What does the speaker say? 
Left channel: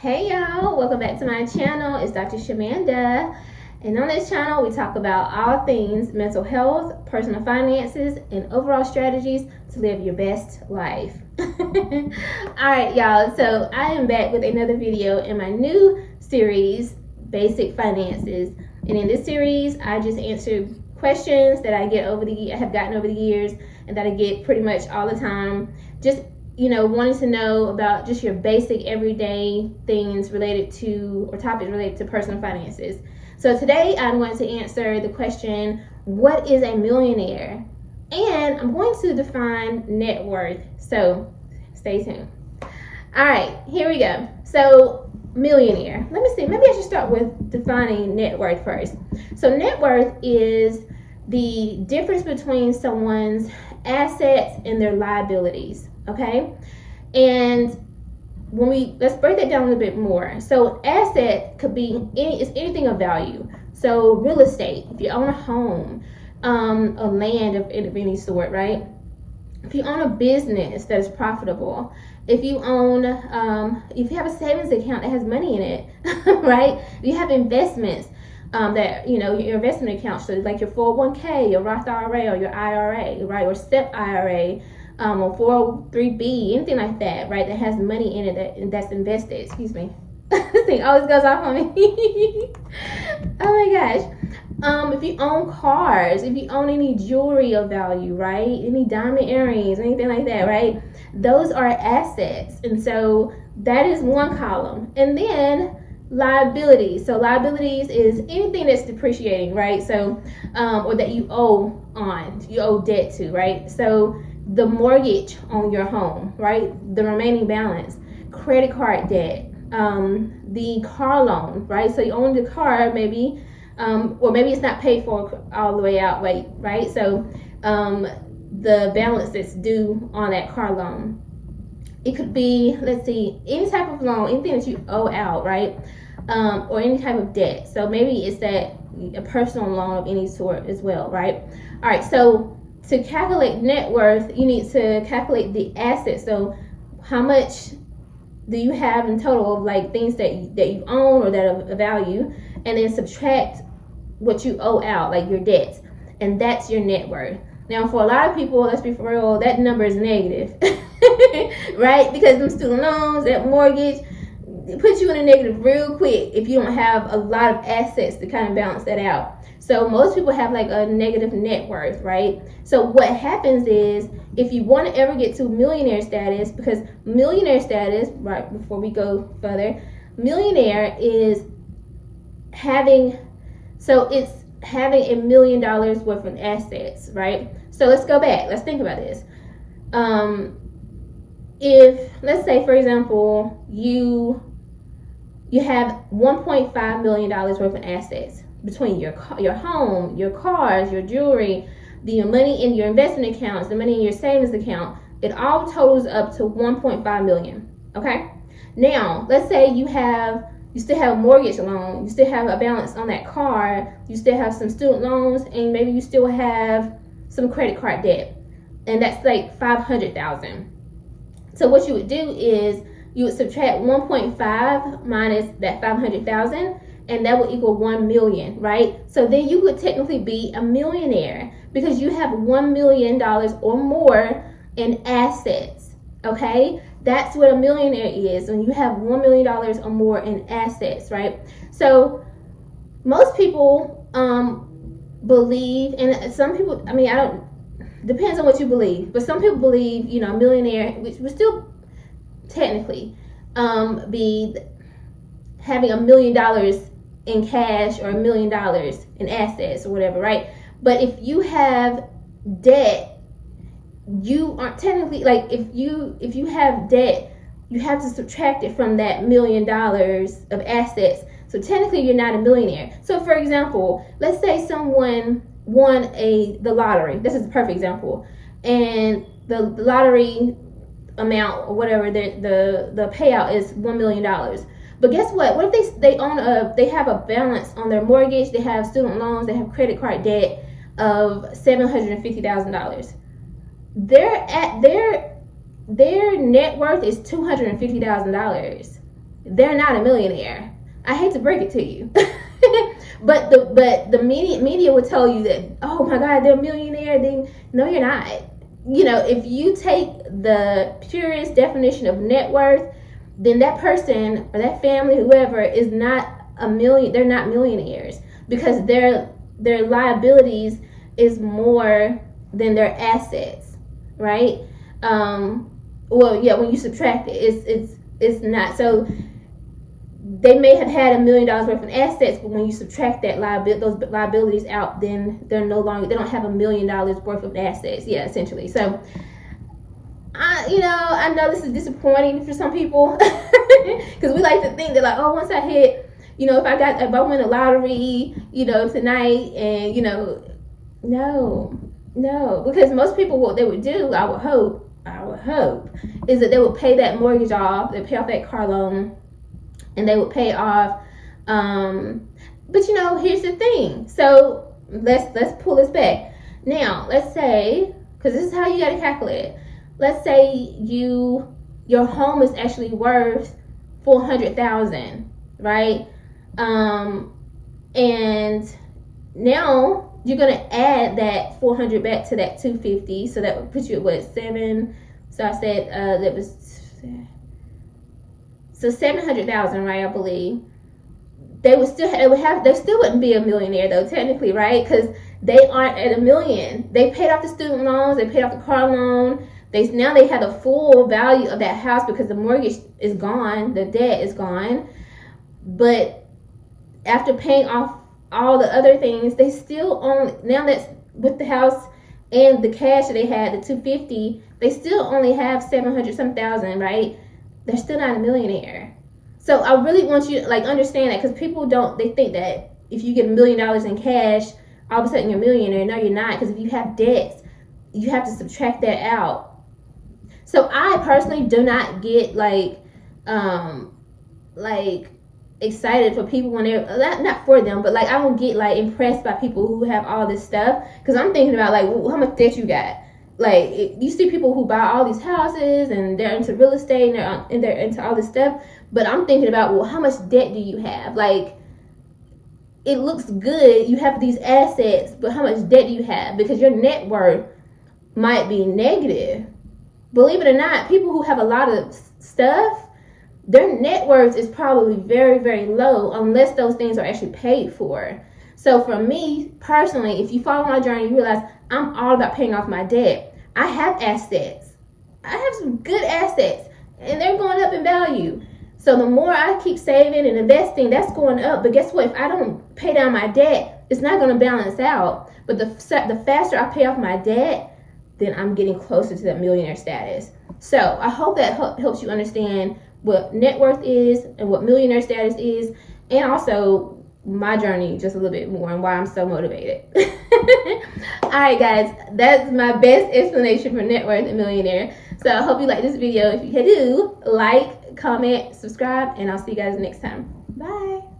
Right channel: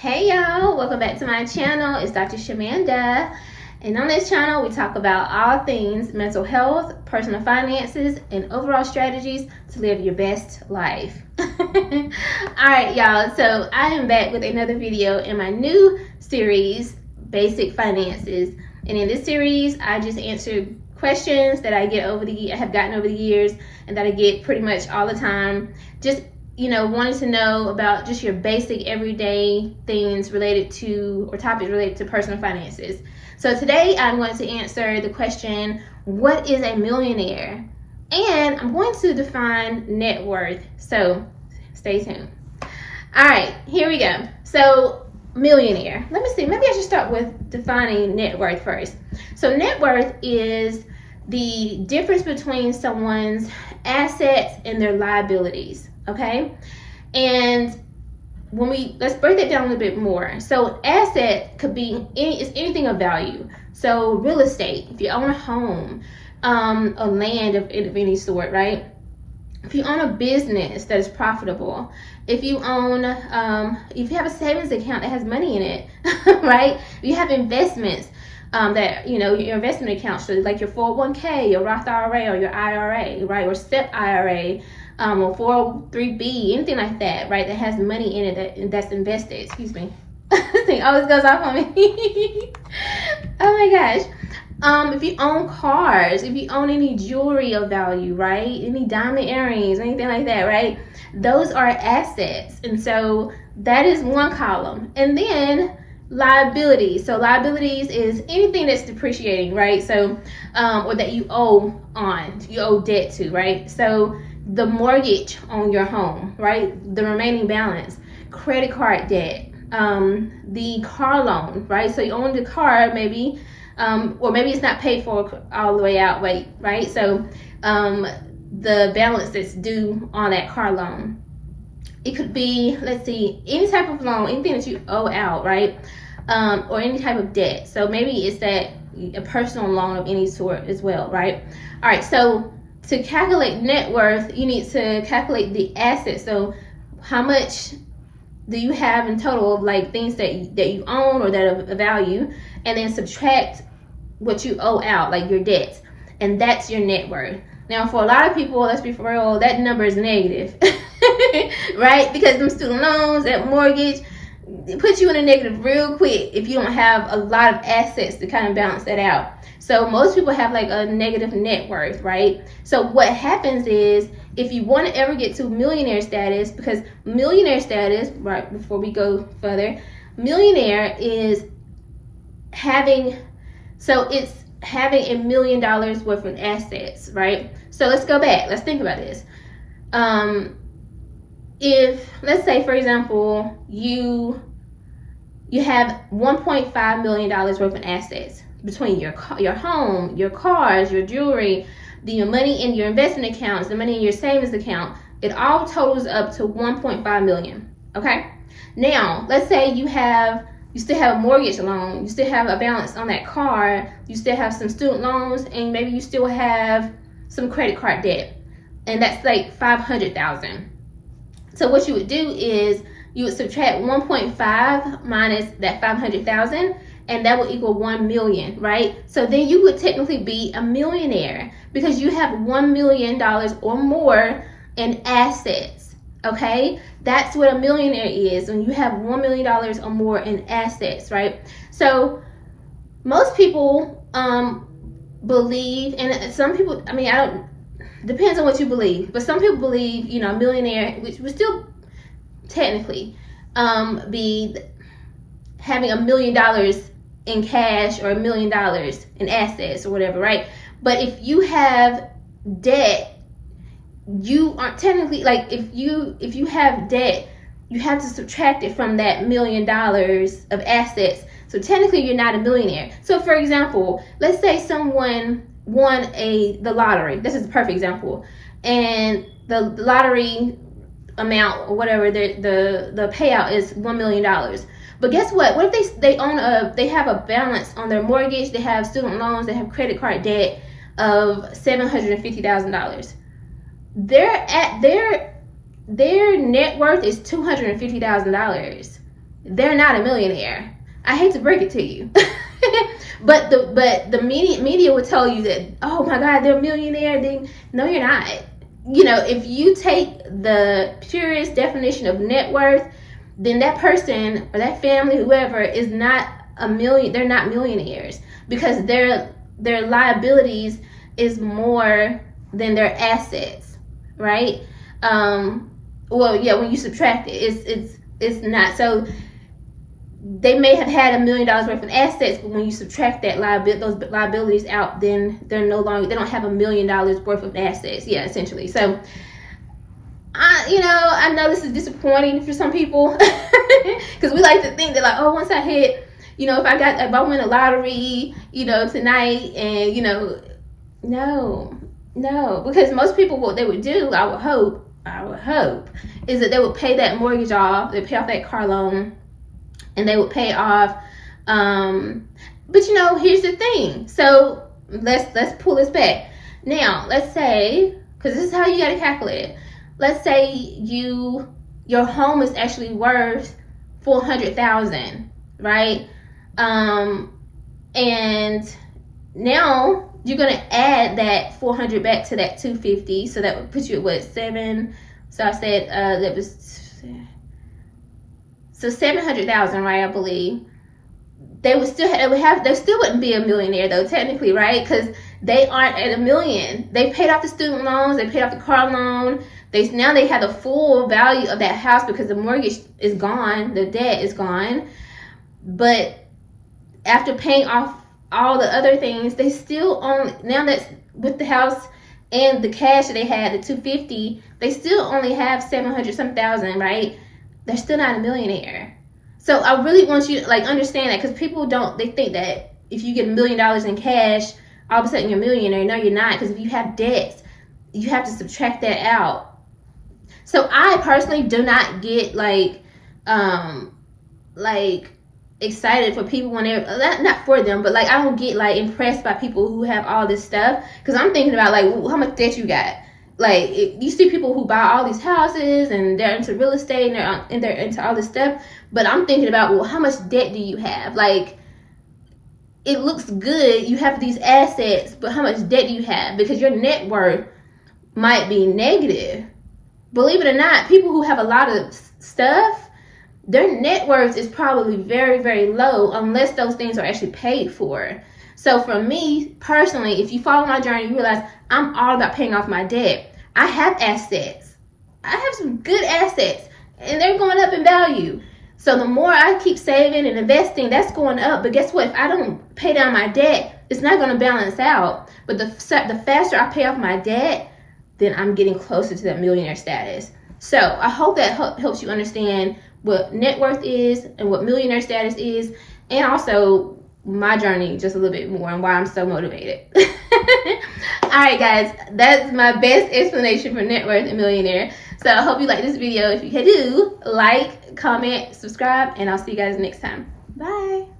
Hey y'all, welcome back to my channel. It's Dr. Shamanda, and on this channel we talk about all things mental health, personal finances, and overall strategies to live your best life. Alright y'all, so I am back with another video in my new series, Basic Finances. And in this series I just answer questions that I have gotten over the years, and that I get pretty much all the time, just wanting to know about just your basic everyday things related to, or topics related to personal finances. So today I'm going to answer the question, what is a millionaire? And I'm going to define net worth. So stay tuned. All right, here we go. So millionaire. Let me see, maybe I should start with defining net worth first. So net worth is the difference between someone's assets and their liabilities. Okay, and let's break that down a little bit more. So asset could be anything of value. So real estate, if you own a home, a land of any sort, right? If you own a business that is profitable, if you own, if you have a savings account that has money in it, right? If you have investments, that your investment accounts, so like your 401k, your Roth IRA, or your IRA, right, or SEP IRA, or 403b, anything like that, right, that has money in it that's invested. Excuse me, this thing always goes off on me. Oh my gosh. If you own cars, if you own any jewelry of value, right, any diamond earrings, anything like that, right, those are assets. And so that is one column. And then liabilities. So liabilities is anything that's depreciating, right? So or that you owe debt to, right? So the mortgage on your home, right, the remaining balance, credit card debt, the car loan, right? So you own the car, maybe, or maybe it's not paid for all the way out, right? So the balance that's due on that car loan. It could be, let's see, any type of loan, anything that you owe out, right? Or any type of debt. So maybe it's a personal loan of any sort as well, right? All right, so to calculate net worth, you need to calculate the assets. So how much do you have in total of like things that you own or that of value, and then subtract what you owe out, like your debts, and that's your net worth. Now, for a lot of people, let's be for real, that number is negative, right? Because them student loans, that mortgage, it puts you in a negative real quick if you don't have a lot of assets to kind of balance that out. So most people have like a negative net worth, right? So what happens is, if you want to ever get to millionaire status, because millionaire status, right, before we go further, millionaire is having $1 million worth of assets, right? So let's go back. Let's think about this. If, let's say, for example, you have $1.5 million worth of assets between your home, your cars, your jewelry, the money in your investment accounts, the money in your savings account. It all totals up to 1.5 million. Okay. Now, let's say you still have a mortgage loan, you still have a balance on that car, you still have some student loans, and maybe you still have some credit card debt, and that's like 500,000. So what you would do is you would subtract 1.5 minus that 500,000, and that would equal 1 million, right? So then you would technically be a millionaire because you have $1 million or more in assets. Okay, that's what a millionaire is, when you have $1 million or more in assets, right? So most people believe, and some people, I mean, depends on what you believe, but some people believe, a millionaire, which would still technically be having $1 million in cash or $1 million in assets or whatever, right? But if you have debt, you aren't technically, like, if you have debt, you have to subtract it from that $1 million of assets. So technically you're not a millionaire. So for example, let's say someone won the lottery. This is a perfect example. And the lottery amount or whatever, the payout is $1 million. But guess what? What if they have a balance on their mortgage, they have student loans, they have credit card debt of $750,000. Their net worth is $250,000. they're not a millionaire. I hate to break it to you. but the media would tell you that, oh my God, they're a millionaire. No, you're not. You know, if you take the purest definition of net worth, then that person or that family, whoever, is not they're not millionaires, because their liabilities is more than their assets, right? Well, yeah, when you subtract it, it's not. So they may have had $1 million worth of assets, but when you subtract that those liabilities out, then they don't have $1 million worth of assets. Yeah, essentially. So I know this is disappointing for some people, because we like to think that, like, oh, once I hit, if I win a lottery, tonight, and no, because most people, what they would do, I would hope, is that they would pay that mortgage off, they pay off that car loan, and they would pay off. But here's the thing. So let's pull this back. Now, let's say, because this is how you got to calculate it. Let's say your home is actually worth $400,000, right? And now you're gonna add that 400 back to that 250, so that would put you at what, 7? So I said that was so 700,000, right? I believe they still wouldn't be a millionaire though, technically, right? Because they aren't at $1 million. They paid off the student loans, they paid off the car loan. Now they have the full value of that house because the mortgage is gone, the debt is gone. But after paying off all the other things, they still own, now that's with the house and the cash that they had, the 250, they still only have 700 some thousand, right? They're still not a millionaire. So I really want you to understand that, because people they think that if you get $1 million in cash, all of a sudden you're a millionaire. No, you're not, because if you have debts, you have to subtract that out. So I personally do not get excited for people when they're not for them, but I don't get impressed by people who have all this stuff, because I'm thinking about how much debt you got. You see people who buy all these houses and they're into real estate and they're into all this stuff, but I'm thinking about, well, how much debt do you have? It looks good, you have these assets, but how much debt do you have? Because your net worth might be negative. Believe it or not, people who have a lot of stuff, their net worth is probably very, very low, unless those things are actually paid for. So for me personally, if you follow my journey, you realize I'm all about paying off my debt. I have assets. I have some good assets, and they're going up in value. So the more I keep saving and investing, that's going up. But guess what? If I don't pay down my debt, it's not going to balance out. But the faster I pay off my debt, then I'm getting closer to that millionaire status. So I hope that helps you understand what net worth is and what millionaire status is, and also my journey just a little bit more and why I'm so motivated. All right, guys, that's my best explanation for net worth and millionaire. So I hope you like this video. If you do, like, comment, subscribe, and I'll see you guys next time. Bye.